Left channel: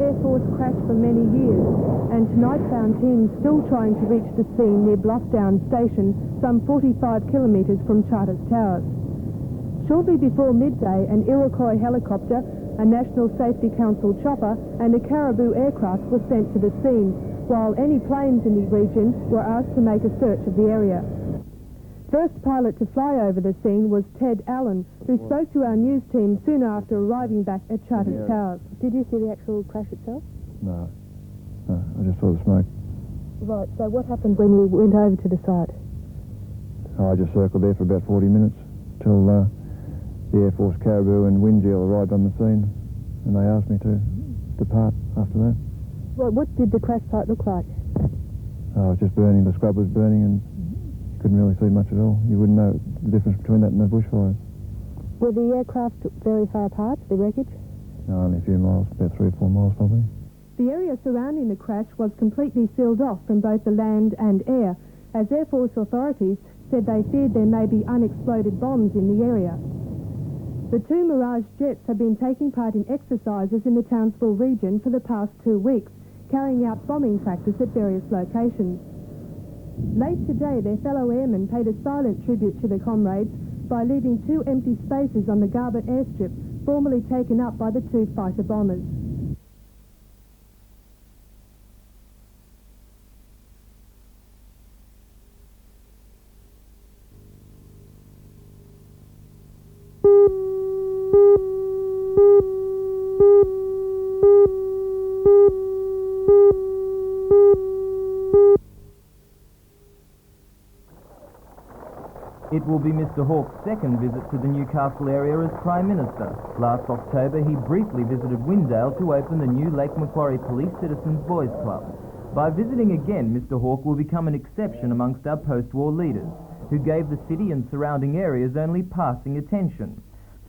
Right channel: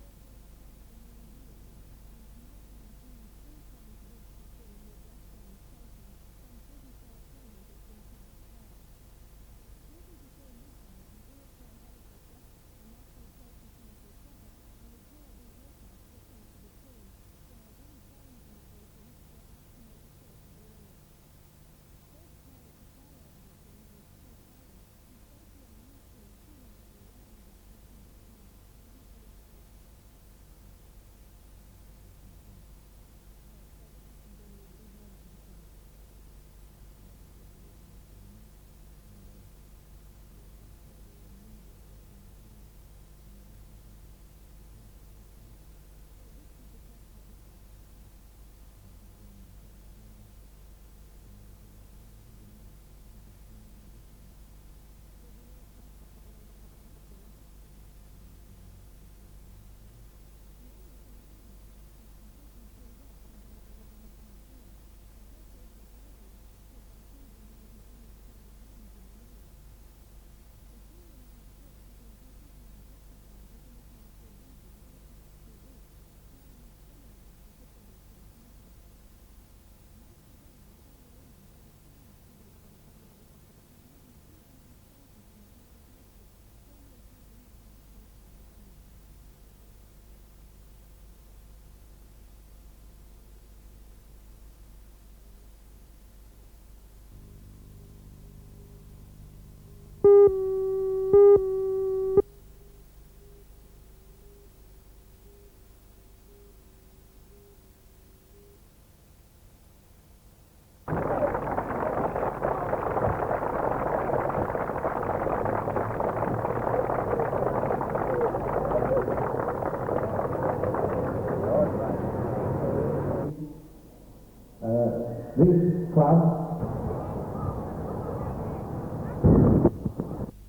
Air Force crash for many years, and tonight found teams still trying to reach the scene near Bluffdown Station, some 45 kilometres from Charters Towers. Shortly before midday, an Iroquois helicopter, a National Safety Council chopper and a Caribou aircraft were sent to the scene, while any planes in the region were asked to make a search of the area. First pilot to fly over the scene was Ted Allen, who spoke to our news team soon after arriving back at Charters Towers. Did you see the actual crash itself? No, I just saw the smoke. Right, so what happened when you went over to the site? I just circled there for about 40 minutes till the Air Force Caribou and Windgeel arrived on the scene, and they asked me to depart after that. Well, what did the crash site look like? It was just burning. The scrub was burning and couldn't really see much at all. You wouldn't know the difference between that and the bushfires. Were the aircraft very far apart, the wreckage? No, only a few miles, about 3 or 4 miles probably. The area surrounding the crash was completely sealed off from both the land and air, as Air Force authorities said they feared there may be unexploded bombs in the area. The 2 Mirage jets have been taking part in exercises in the Townsville region for the past 2 weeks, carrying out bombing practice at various locations. Late today, their fellow airmen paid a silent tribute to their comrades by leaving 2 empty spaces on the Garbutt airstrip, formerly taken up by the 2 fighter bombers. It will be Mr Hawke's second visit to the Newcastle area as Prime Minister. Last October, he briefly visited Windale to open the new Lake Macquarie Police Citizens Boys Club. By visiting again, Mr Hawke will become an exception amongst our post-war leaders, who gave the city and surrounding areas only passing attention.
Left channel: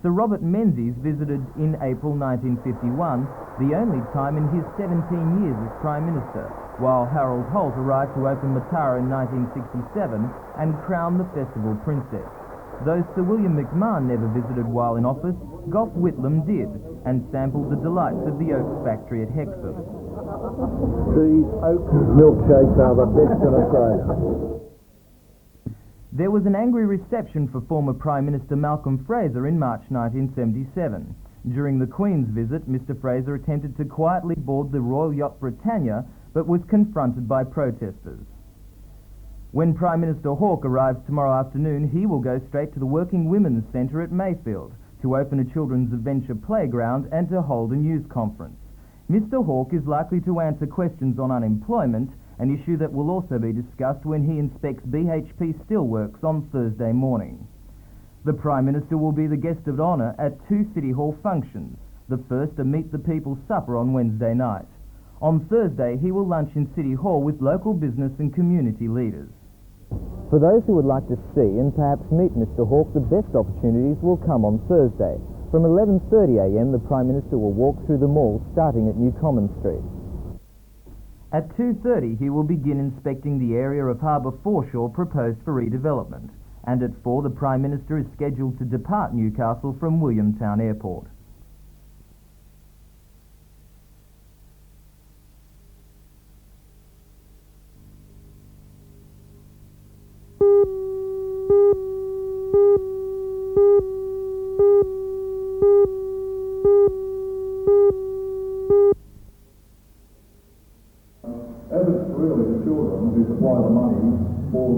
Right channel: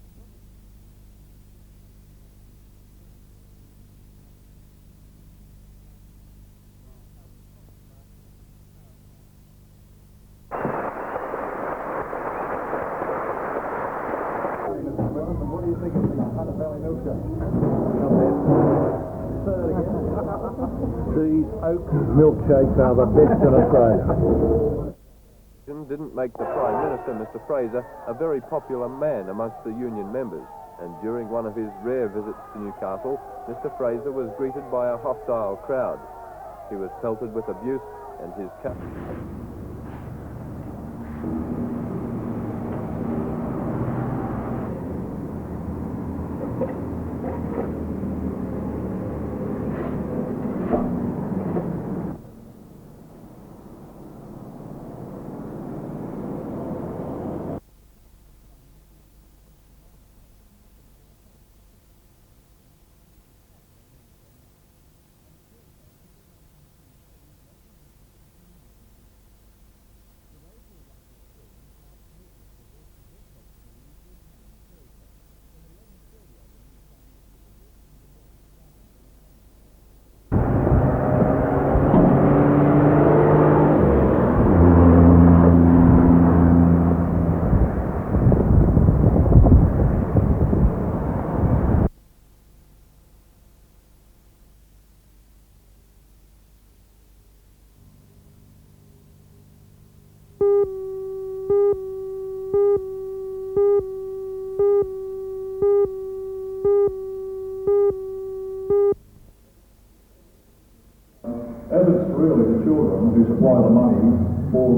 Sir Robert Menzies visited in April 1951, the only time in his 17 years as Prime Minister, while Harold Holt arrived to open Matara in 1967 and crown the festival princess. Though Sir William McMahon never visited while in office, Gough Whitlam did, and sampled the delights of the oak factory at Hexley. These oak milkshakes are the best in Australia. There was an angry reception for former Prime Minister Malcolm Fraser in March 1977. During the Queen's visit, Mr Fraser attempted to quietly board the Royal Yacht Britannia, but was confronted by protesters. When Prime Minister Hawke arrives tomorrow afternoon, he will go straight to the Working Women's Centre at Mayfield to open a children's adventure playground and to hold a news conference. Mr Hawke is likely to answer questions on unemployment, an issue that will also be discussed when he inspects BHP steelworks on Thursday morning. The Prime Minister will be the guest of honour at 2 City Hall functions, the first a Meet the People supper on Wednesday night. On Thursday, he will lunch in City Hall with local business and community leaders. For those who would like to see and perhaps meet Mr Hawke, the best opportunities will come on Thursday. From 11:30 a.m, the Prime Minister will walk through the mall starting at New Common Street. At 2:30, he will be in the pub and at 4, the Prime Minister is scheduled to depart Newcastle from Williamstown Airport. As it's really the children who supply the money for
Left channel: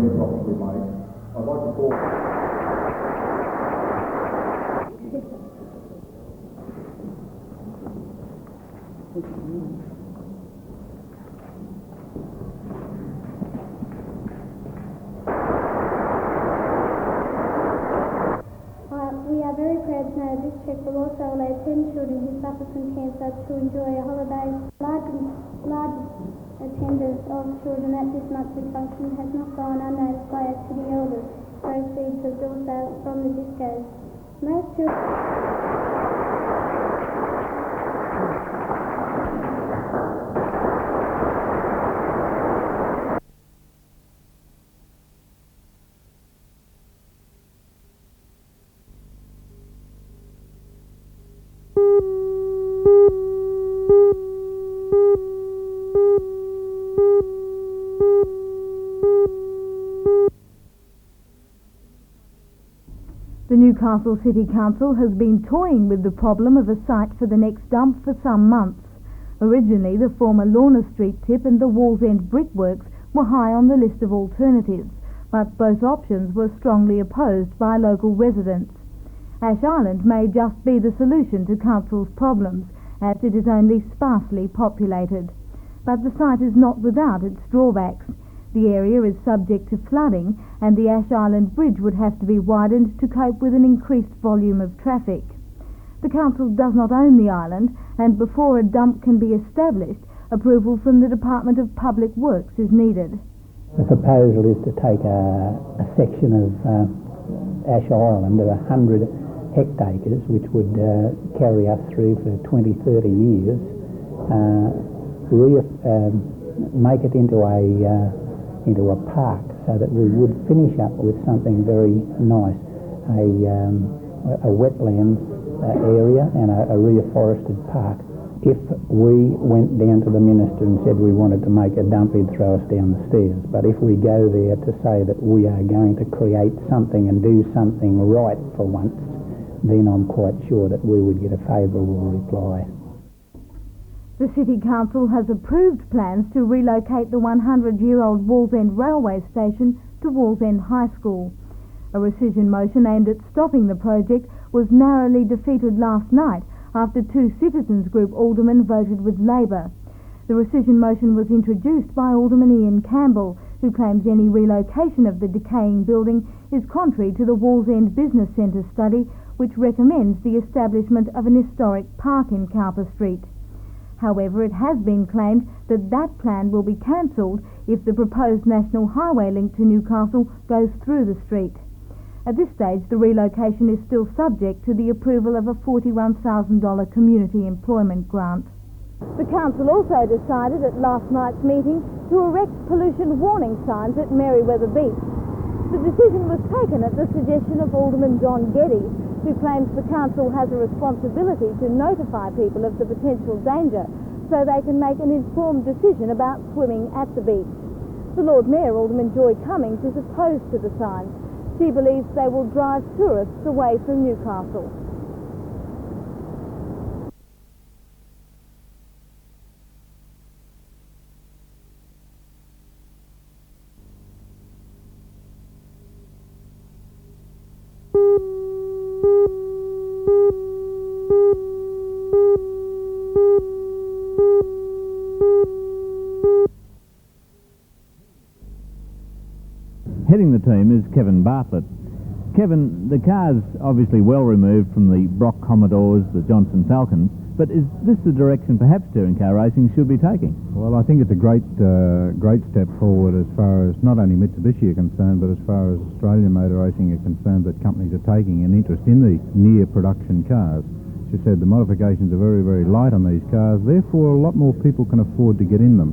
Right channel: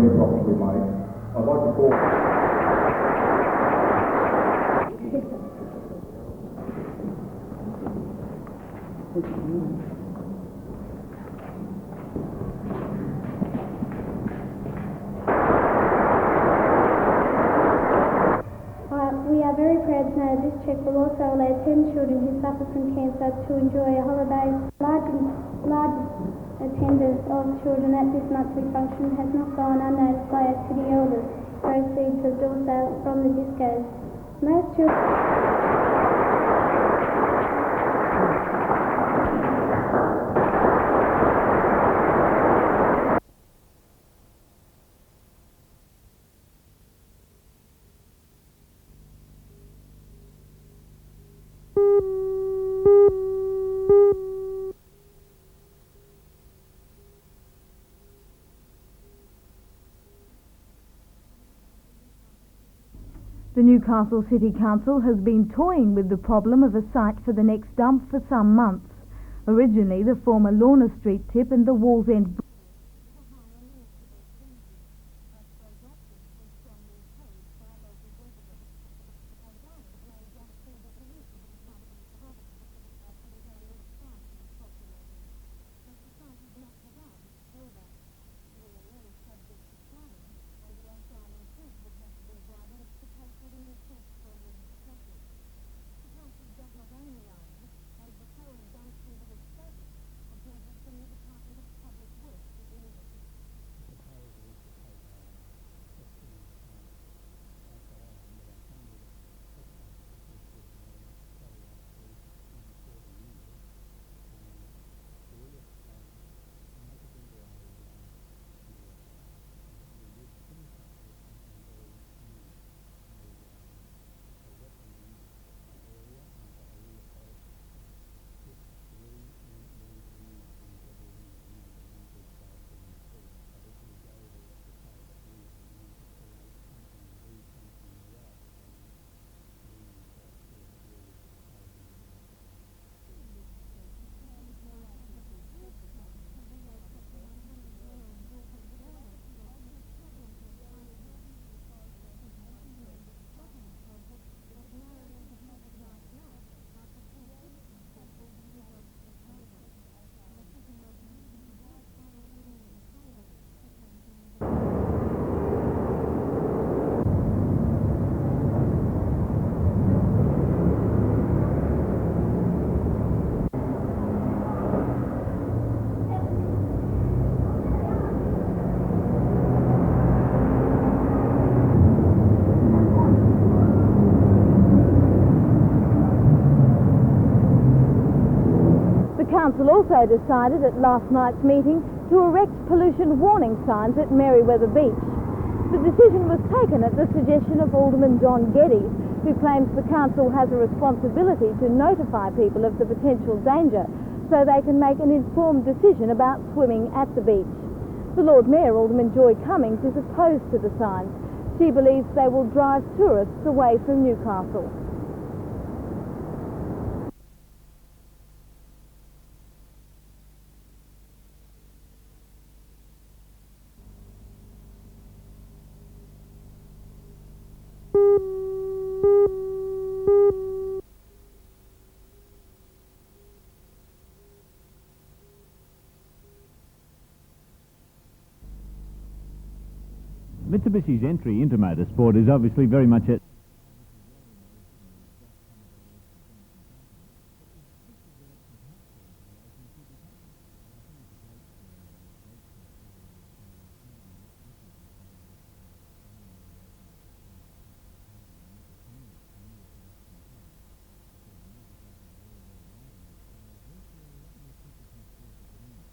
any profits we make, I'd like to call... We are very proud to know this cheque will also allow 10 children who suffer from cancer to enjoy a holiday. Large attendance of children at this monthly function has not gone unnoticed by our city elders. Proceeds of door sales from the discos. Most children... The Newcastle City Council has been toying with the problem of a site for the next dump for some months. Originally, the former Lorna Street tip and the Wallsend brickworks were high on the list of alternatives, but both options were strongly opposed by local residents. Ash Island may just be the solution to Council's problems, as it is only sparsely populated. But the site is not without its drawbacks. The area is subject to flooding, and the Ash Island Bridge would have to be widened to cope with an increased volume of traffic. The Council does not own the island, and before a dump can be established, approval from the Department of Public Works is needed. The proposal is to take a section of Ash Island of 100 hectares, which would carry us through for 20-30 years, make it into a park, so that we would finish up with something very nice, a wetlands area and a reforested park. If we went down to the minister and said we wanted to make a dump, he'd throw us down the stairs. But if we go there to say that we are going to create something and do something right for once, then I'm quite sure that we would get a favourable reply. The City Council has approved plans to relocate the 100-year-old Wallsend railway station to Wallsend High School. A rescission motion aimed at stopping the project was narrowly defeated last night after two citizens' group aldermen voted with Labor. The rescission motion was introduced by Alderman Ian Campbell, who claims any relocation of the decaying building is contrary to the Wallsend Business Centre study, which recommends the establishment of an historic park in Calder Street. However, it has been claimed that that plan will be cancelled if the proposed national highway link to Newcastle goes through the street. At this stage, the relocation is still subject to the approval of a $41,000 community employment grant. The council also decided at last night's meeting to erect pollution warning signs at Merriweather Beach. The decision was taken at the suggestion of Alderman John Geddes, who claims the council has a responsibility to notify people of the potential danger so they can make an informed decision about swimming at the beach. The Lord Mayor, Alderman Joy Cummings, is opposed to the signs. She believes they will drive tourists away from Newcastle. Heading the team is Kevin Bartlett. Kevin, the car's obviously well removed from the Brock Commodores, the Johnson Falcons, but is this the direction perhaps touring car racing should be taking? Well, I think it's a great step forward as far as not only Mitsubishi are concerned, but as far as Australian motor racing are concerned, that companies are taking an interest in the near production cars. She said the modifications are very, very light on these cars, therefore a lot more people can afford to get in them.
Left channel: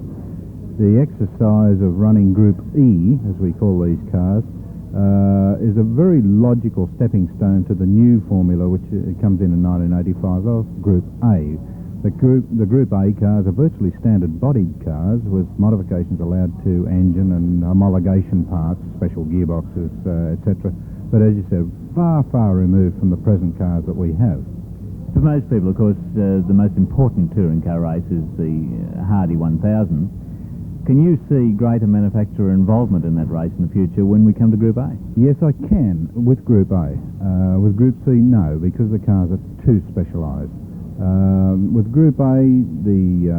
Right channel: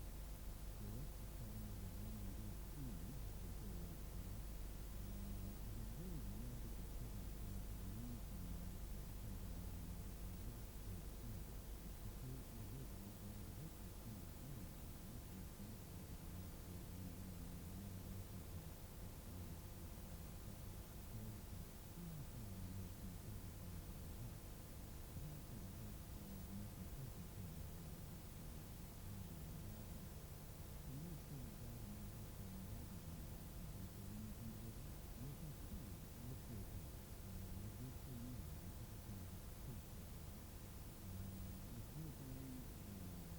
The exercise of running Group E, as we call these cars, is a very logical stepping stone to the new formula, which comes in 1985 of Group A. The Group A cars are virtually standard-bodied cars with modifications allowed to engine and homologation parts, special gearboxes, etc. But as you said, far, far removed from the present cars that we have. For most people, of course, the most important touring car race is the Hardy 1000. Can you see greater manufacturer involvement in that race in the future when we come to Group A? Yes, I can, with Group A. With Group C, no, because the cars are too specialised. With Group A, the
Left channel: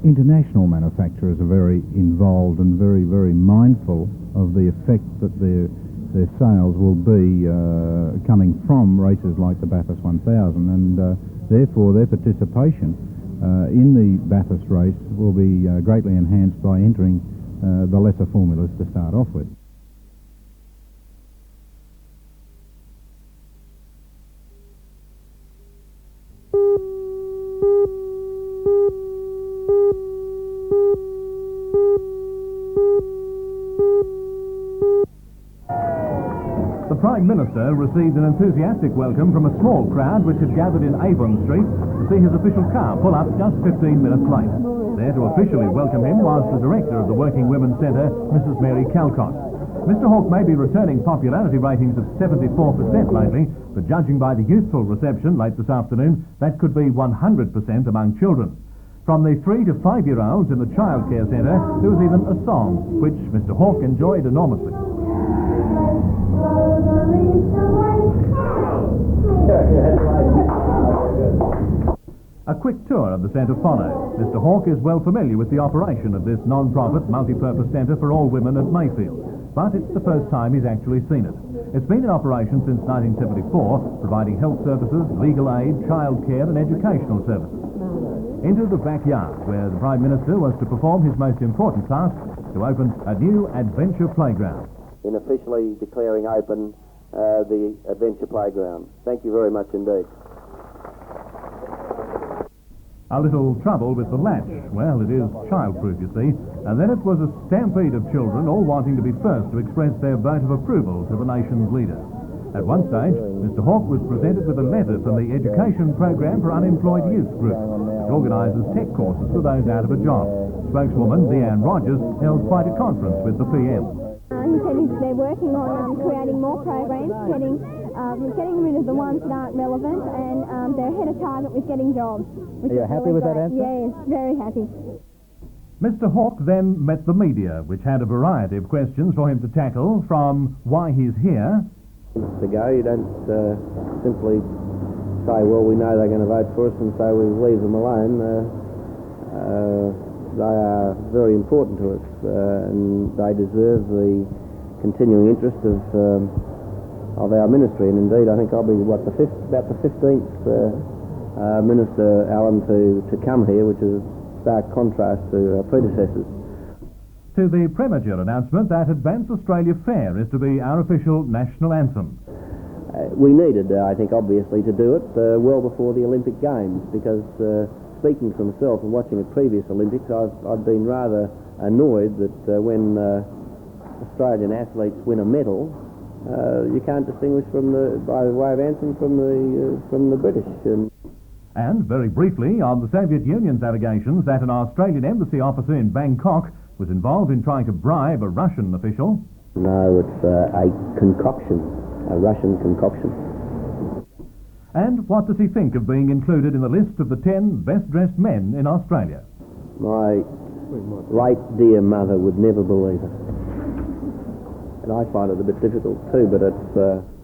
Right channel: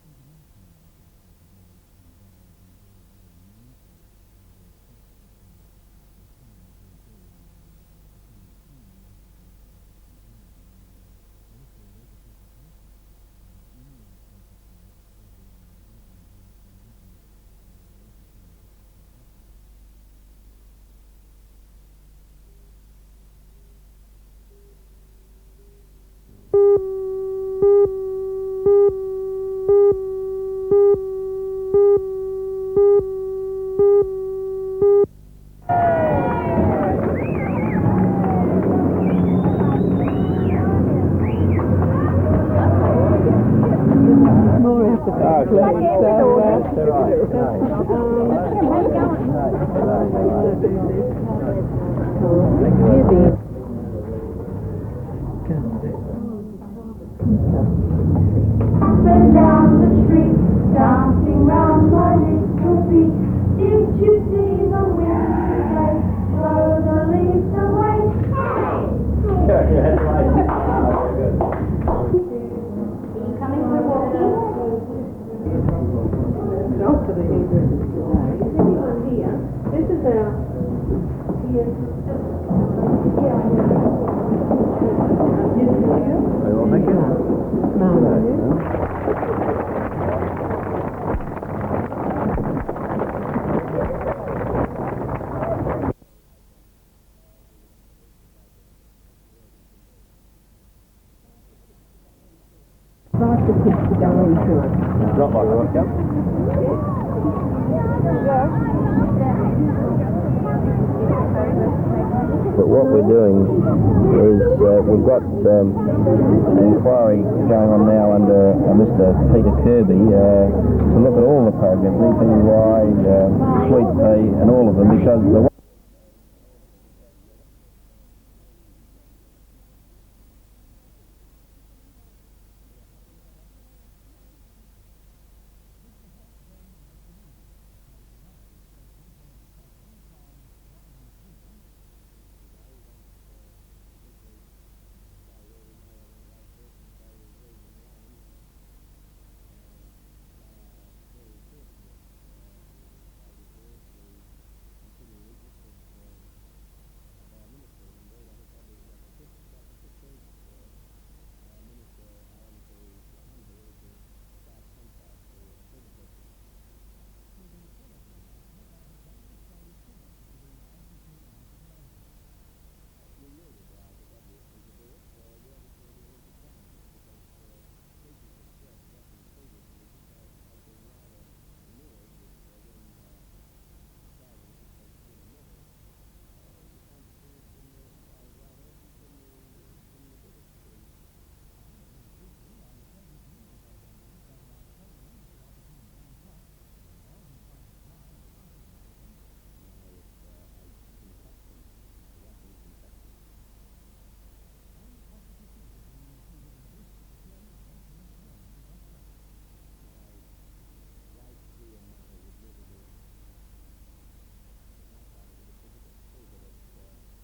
international manufacturers are very involved and very, very mindful of the effect that their sales will be coming from races like the Bathurst 1000, and therefore their participation in the Bathurst race will be greatly enhanced by entering the lesser formulas to start off with. The Prime Minister received an enthusiastic welcome from a small crowd which was gathered in April Street to see his official car pull up just as the Prime Minister. Working Women's Centre, Calcott. Mr Hawke may be returning popularity ratings of 74% lately, but judging by the youthful reception late this afternoon, that could be 100% among children. From the 5-year-olds in the childcare centre to the song, which Mr Hawke enjoyed enormously. A quick tour of the centre followed. Mr Hawke is well familiar with the operation of this non-profit multi-purpose centre for all women at Mayfield, but it's the first time he's actually seen it. It's been in operation since 1974, providing health services, legal aid, childcare and educational services. Into the backyard, where the Prime Minister was to perform his most important task, to open a new adventure playground. In officially declaring open the adventure playground. Thank you very much indeed. A little trouble with the flag around the and then it was a stampede of children all wanting to be first to express their vote of approval to the nation's leaders. But what we're doing is we've got an inquiry going on now under Mr Peter Kirby to look at all the programs, why, Sweet Pea and all of them, because creating more programs, getting rid of the ones that aren't relevant, and they're ahead of target with getting jobs. Are you happy with that answer? Yes, very happy. Mr Hawke then met the media, which had a variety of questions for him to tackle, from why he's here. To go, you don't simply say, well, we know they're going to vote for us, and so we leave them alone. They are very important to us, and they deserve the continuing interest of our ministry. And indeed, I think I'll be about the 15th Minister, Alan, to come here, which is a stark contrast to our predecessors. To the premature announcement that Advance Australia Fair is to be our official national anthem. We needed, I think, obviously, to do it well before the Olympic Games, because speaking for myself and watching the previous Olympics, I've been rather annoyed that when Australian athletes win a medal, you can't distinguish by way of anthem from the British. And very briefly on the Soviet Union's allegations that an Australian embassy officer in Bangkok was involved in trying to bribe a Russian official. No, it's a concoction, a Russian concoction. And what does he think of being included in the list of the 10 best-dressed men in Australia? My late dear mother would never believe it. And I find it a bit difficult too, but it's...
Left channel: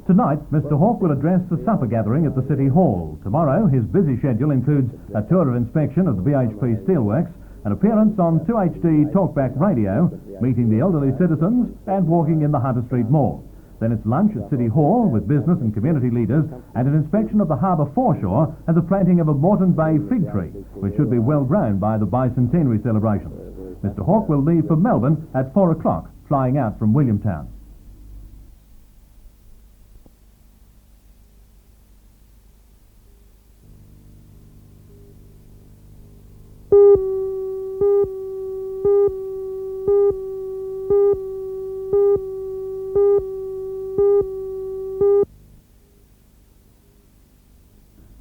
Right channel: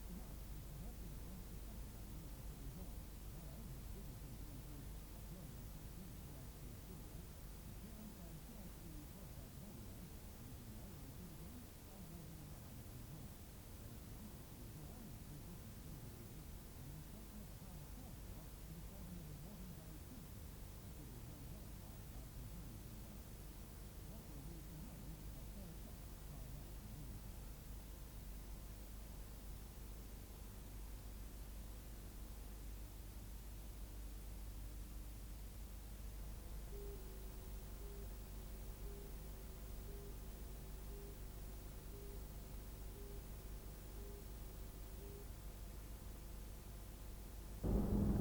Tonight, Mr Hawke will address the supper gathering at the City Hall. Tomorrow, his busy schedule includes a tour of inspection of the BHP Steelworks, an appearance on 2HD Talkback Radio, meeting the elderly citizens and walking in the Hunter Street Mall. Then it's lunch at City Hall with business and community leaders and an inspection of the harbour foreshore and the planting of a Moreton Bay fig tree, which should be well grown by the bicentenary celebrations. Mr Hawke will leave for Melbourne at 4 o'clock, flying out from Williamtown.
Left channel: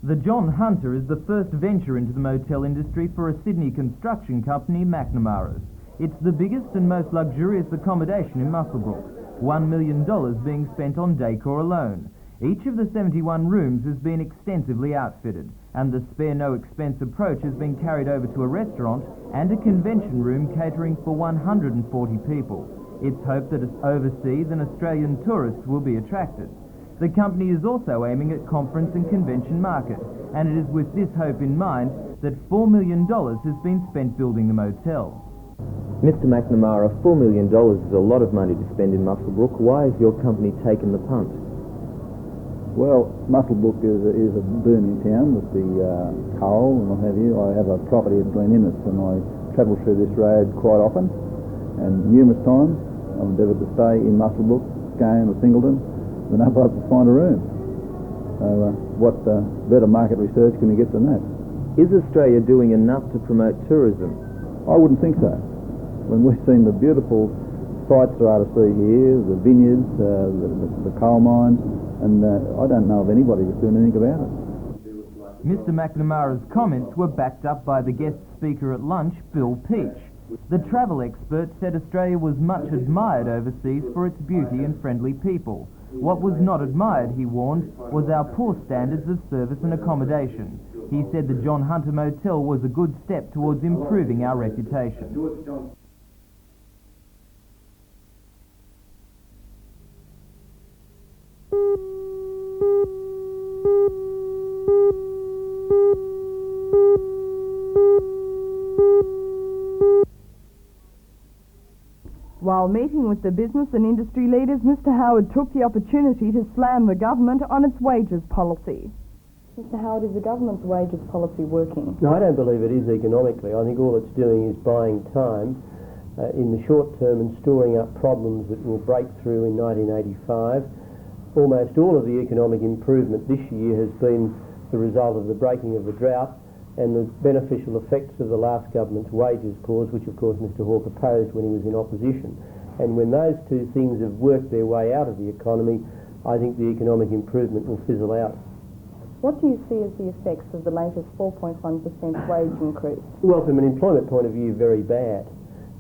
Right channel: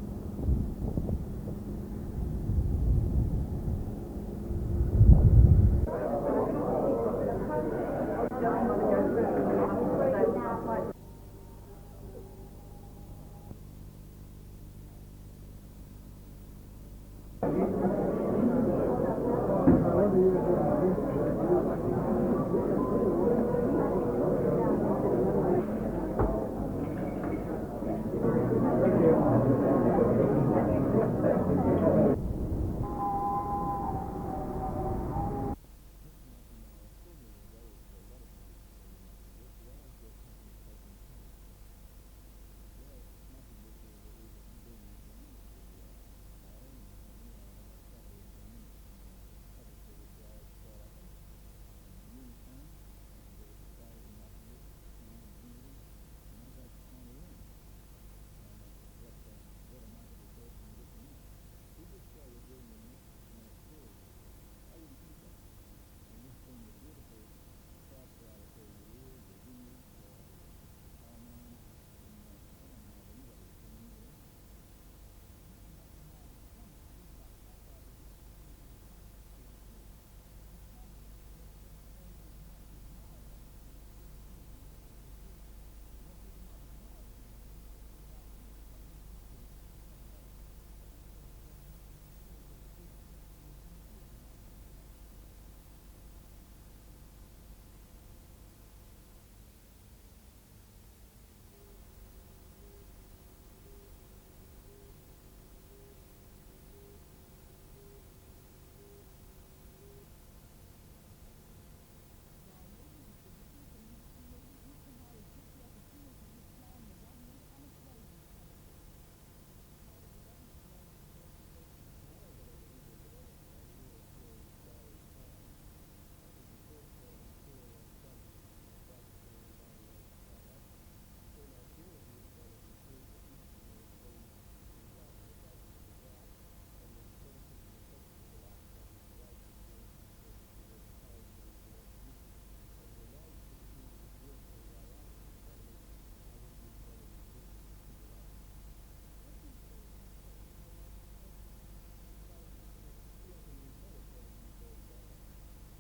The John Hunter is the first venture into the motel industry for a Sydney construction company, McNamara's. It's the biggest and most luxurious accommodation in Muswellbrook, $1 million being spent on decor alone. Each of the 71 rooms has been extensively outfitted, and the spare-no-expense approach has been carried over to a restaurant and a convention room catering for 140 people. It's hoped that overseas and Australian tourists will be attracted. The company is also aiming at conference and convention markets, and it is with this hope in mind that $4 million has been spent building the motel. Mr McNamara, $4 million is a lot of money to spend in Muswellbrook. Why has your company taken the punt? Well, Muswellbrook is a booming town with the coal and what have you. I have a property at Glen Innes and I travel through this road quite often, and numerous times I've endeavoured to stay in Muswellbrook, Scone or Singleton, been able to find a room. So what better market research can you get than that? Is Australia doing enough to promote tourism? I wouldn't think so. When we've seen the beautiful sights there are to see here, the vineyards, the coal mines, and I don't know of anybody that's doing anything about it. Mr McNamara's comments were backed up by the guest speaker at lunch, Bill Peach. The travel expert said Australia was much admired overseas for its beauty and friendly people. What was not admired, he warned, was our poor standards of service and accommodation. He said the John Hunter Motel was a good step towards improving our reputation. While meeting with the business and industry leaders, Mr Howard took the opportunity to slam the government on its wages policy. Mr Howard, is the government's wages policy working? No, I don't believe it is economically. I think all it's doing is buying time in the short term and storing up problems that will break through in 1985. Almost all of the economic improvement this year has been the result of the breaking of the drought and the beneficial effects of the last government's wages clause, which of course Mr Hawke opposed when he was in opposition. And when those two things have worked their way out of the economy, I think the economic improvement will fizzle out. What do you see as the effects of the latest 4.1% wage increase? Well, from an employment point of view, very bad.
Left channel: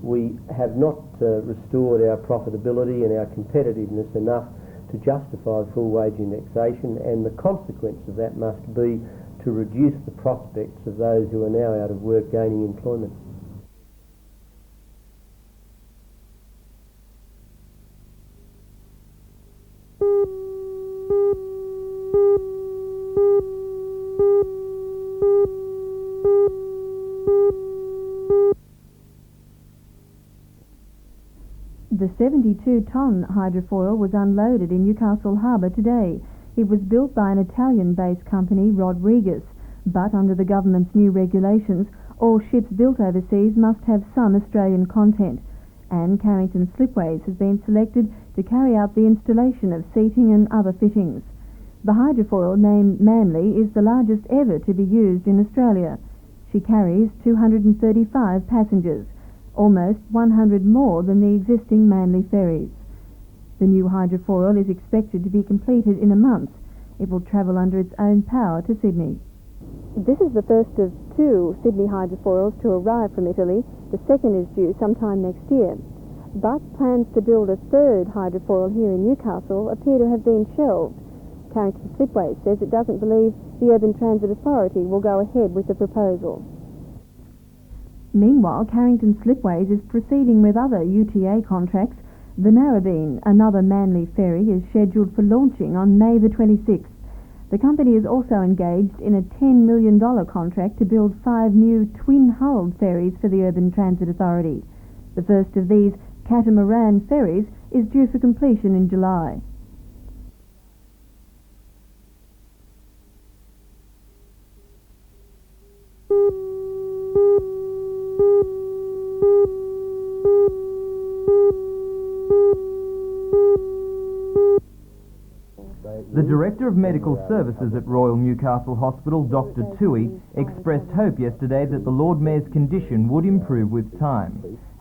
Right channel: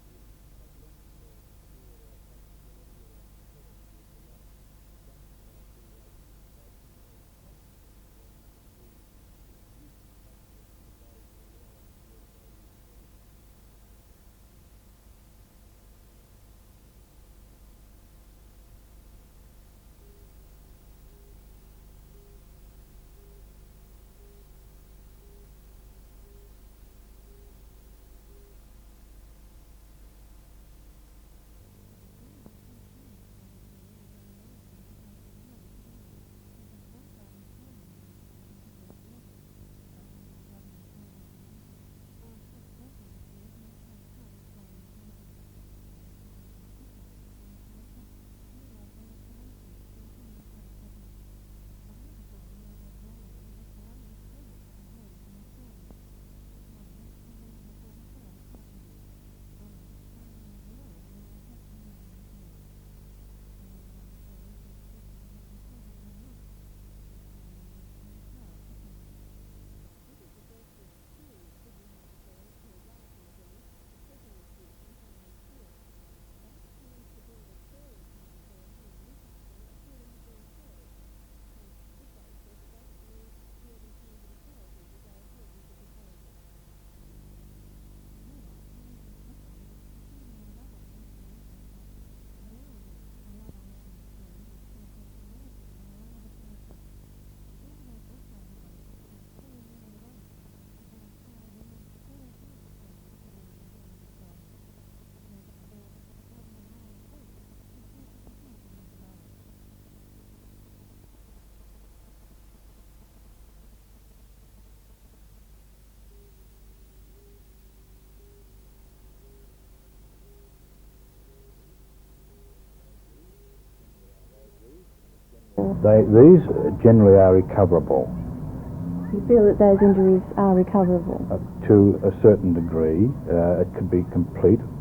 We have not restored our profitability and our competitiveness enough to justify full wage indexation, and the consequence of that must be to reduce the prospects of those who are now out of work gaining employment. The 72-tonne hydrofoil was unloaded in Newcastle Harbour today. It was built by an Italian-based company, Rodriguez, but under the government's new regulations, all ships built overseas must have some Australian content, and Carrington Slipways has been selected to carry out the installation of seating and other fittings. The hydrofoil, named Manly, is the largest ever to be used in Australia. She carries 235 passengers, almost 100 more than the existing Manly ferries. The new hydrofoil is expected to be completed in a month. It will travel under its own power to Sydney. This is the first of two Sydney hydrofoils to arrive from Italy. The second is due sometime next year. But plans to build a third hydrofoil here in Newcastle appear to have been shelved. Carrington Slipways says it doesn't believe the Urban Transit Authority will go ahead with the proposal. Meanwhile, Carrington Slipways is proceeding with other UTA contracts. The Narrabeen, another Manly ferry, is scheduled for launching on May the 26th. The company is also engaged in a $10 million contract to build 5 new twin-hulled ferries for the Urban Transit Authority. The first of these catamaran ferries is due for completion in July. These generally are recoverable. Royal Newcastle Hospital, Dr. Tui, expressed hope yesterday that the Lord Mayor's condition would improve with time.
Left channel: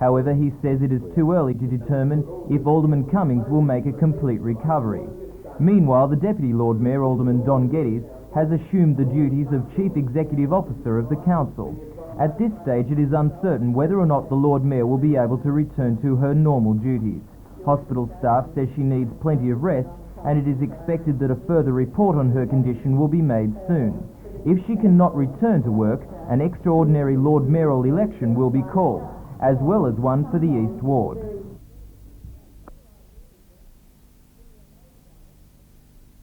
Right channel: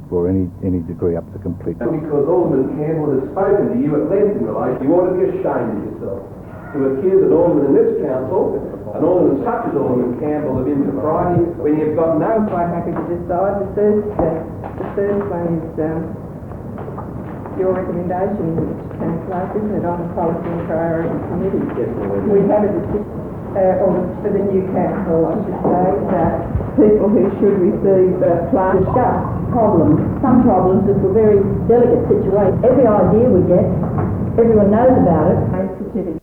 However, he says it is too early to determine if Alderman Cummings will make a complete recovery. Meanwhile, the Deputy Lord Mayor, Alderman John Geddes, has assumed the duties of Chief Executive Officer of the Council. At this stage, it is uncertain whether or not the Lord Mayor will be able to return to her normal duties. Hospital staff says she needs plenty of rest, and it is expected that a further report on her condition will be made soon. If she cannot return to work, an extraordinary Lord Mayoral election will be called, as well as one some problems. It's a very delicate situation. Every idea we get, everyone knows about it.